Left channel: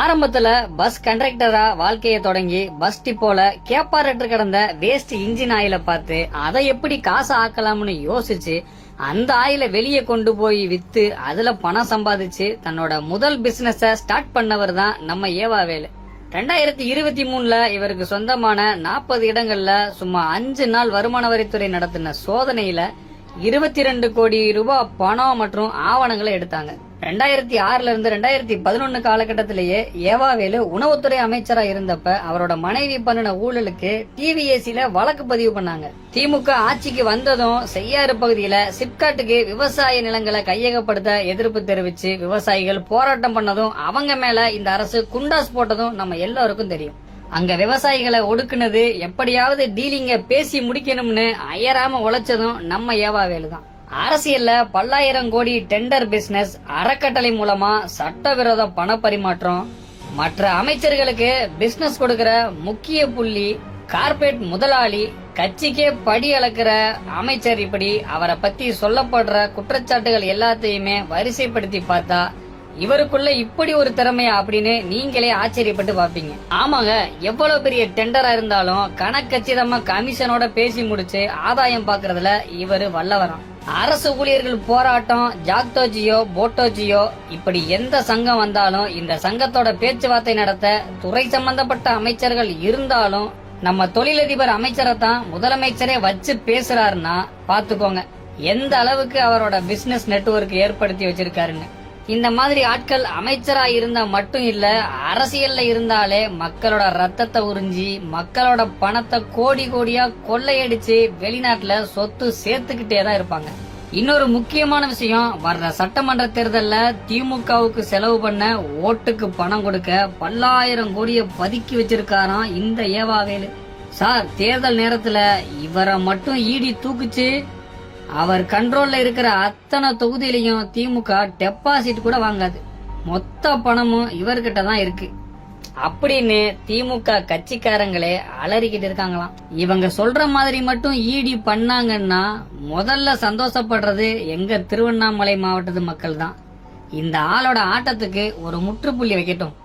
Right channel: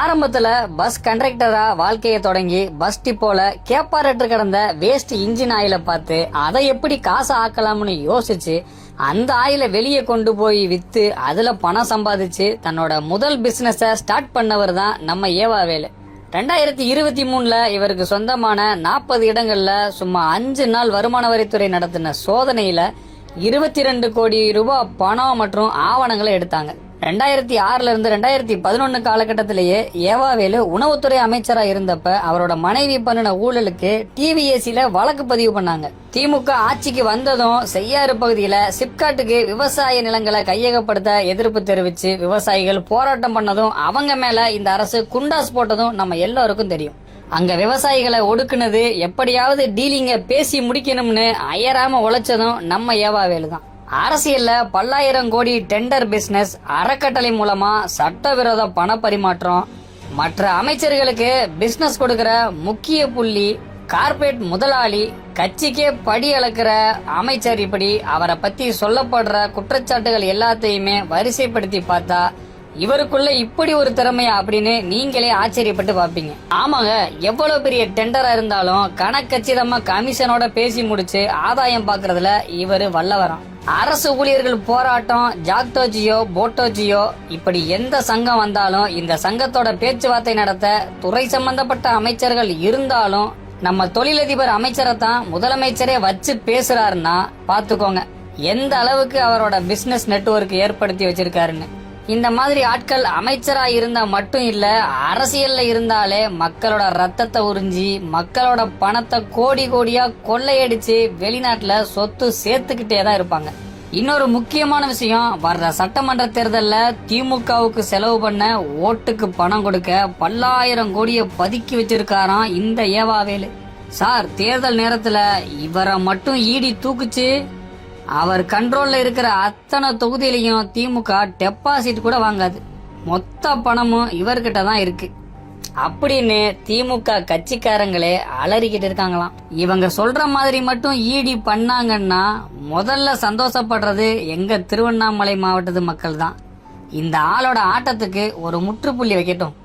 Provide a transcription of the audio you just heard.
ஆரம்பத்துல பஸ் கண்டக்டரா வாழ்க்கையை தொடங்கி பஸ் டிப்போல கேப்பாரட்டு கிடந்த வேஸ்ட் இன்ஜின் ஆயில பார்த்து அதை எப்படி காசு ஆக்கலாம்னு யோசிச்சு அந்த ஆயில வெளியே கொண்டு போய் வித்து அதுல பணம் சம்பாதிச்சு தன்னோட முதல் பிசினஸ ஸ்டார்ட் பண்ணவர் தான் நம்ம ஏவாவேலு. 2023ல இவருக்கு சொந்தமான 40 இடங்கள்ல சும்மா 5 நாள் வருமான வரித்துறை நடத்தின சோதனையில 22 கோடி ரூபாய் பணம் மற்றும் ஆவணங்களை எடுத்தாங்க. 2006ல இருந்து 2011 காலகட்டத்திலேயே ஏவாவேலு உணவுத்துறை அமைச்சரா இருந்தப்ப அவரோட மனைவி பண்ணின ஊழலுக்கு டிவிஎஸ்சில வழக்கு பதிவு பண்ணாங்க. திமுக ஆட்சிக்கு வந்ததும் செய்யாறு பகுதியில சிப்காட்டுக்கு விவசாய நிலங்களை கையகப்படுத்த எதிர்ப்பு தெரிவிச்சு விவசாயிகள் போராட்டம் பண்ணதும் அவங்க மேல இந்த அரசு குண்டாஸ் போட்டதும் நம்ம எல்லாருக்கும் தெரியும். அங்க விவசாயிகளை ஒடுக்குனது, எப்படியாவது டீலிங்க பேசி முடிக்கணும்னு அயராம உழைச்சதும் நம்ம ஏவாவேலு தான். அரசியல்ல பல்லாயிரம் கோடி டெண்டர் பிசினஸ், அறக்கட்டளை மூலமா சட்டவிரோத பண பரிமாற்றம், மற்ற அமைச்சர்களுக்கு பிசினஸ் கொடுக்கிற முக்கிய புள்ளி, கார்பரேட் முதலாளி, கட்சிக்கே படி அளக்கிற அமைச்சர், இப்படி அவரை பத்தி சொல்லப்படுற குற்றச்சாட்டுகள் எல்லாத்தையுமே வரிசைப்படுத்தி பார்த்தா இவருக்குள்ள இப்படி ஒரு திறமையா அப்படின்னு நீங்களே ஆச்சரியப்பட்டு பாப்பீங்க. ஆமாங்க, எவ்வளவு பெரிய டெண்டரா இருந்தாலும் கணக்கச்சிதமா கமிஷனோட பேசி முடிச்சு ஆதாயம் பாக்குறதுல இவரு வல்லவரம். அரசு ஊழியர்கள் போராட்டம், ஜாக்டோஜியோ போட்டோஜியோ இப்படி எந்த சங்கம் வந்தாலும் இந்த சங்கத்தோட பேச்சுவார்த்தை நடத்த துறை சம்பந்தப்பட்ட அமைச்சர்கள் இருந்தாலும் நம்ம தொழிலதிபர் அமைச்சரை தான் முதலமைச்சரே வச்சு பேசுறாருன்னா பாத்துக்கோங்க எந்த அளவுக்கு அவரோட பிசினஸ் நெட்வொர்க் ஏற்படுத்தி வச்சிருக்காருன்னு. இந்த மாதிரி ஆட்கள் அமைச்சரா இருந்தா மட்டும் இல்ல, அரசியல்ல இருந்தாலே மக்களோட ரத்தத்தை உறிஞ்சி மக்களோட பணத்தை கோடி கோடியா கொள்ளையடிச்சு வெளிநாட்டுல சொத்து சேர்த்துக்கிட்டே தான் இருப்பாங்க. இன்னொரு முக்கியமான விஷயம், வர்ற சட்டமன்ற தேர்தல்ல திமுகவுக்கு செலவு பண்ண ஓட்டுக்கு பணம் கொடுக்க பல்லாயிரம் கோடியை பதுக்கி வச்சிருக்காராம் இந்த ஏவாவேலு சார். தேர்தல் நேரத்துல இவரை மட்டும் ஈடி தூக்குச்சு, அவர் கண்ட்ரோல்ல இருக்கிற அத்தனை தொகுதியிலையும் திமுக டெபாசிட் கூட வாங்காது. மொத்த பணமும் இவர்கிட்ட தான் இருக்கு அப்படின்னு திமுக கட்சிக்காரங்களே அலறிக்கிட்டு இருக்காங்களாம். இவங்க சொல்ற மாதிரி மட்டும் ஈடி பண்ணாங்கன்னா முதல்ல சந்தோஷப்படுறது எங்க திருவண்ணாமலை மாவட்டத்து மக்கள் தான். இந்த ஆளோட ஆட்டத்துக்கு ஒரு முற்றுப்புள்ளி வைக்கட்டும்.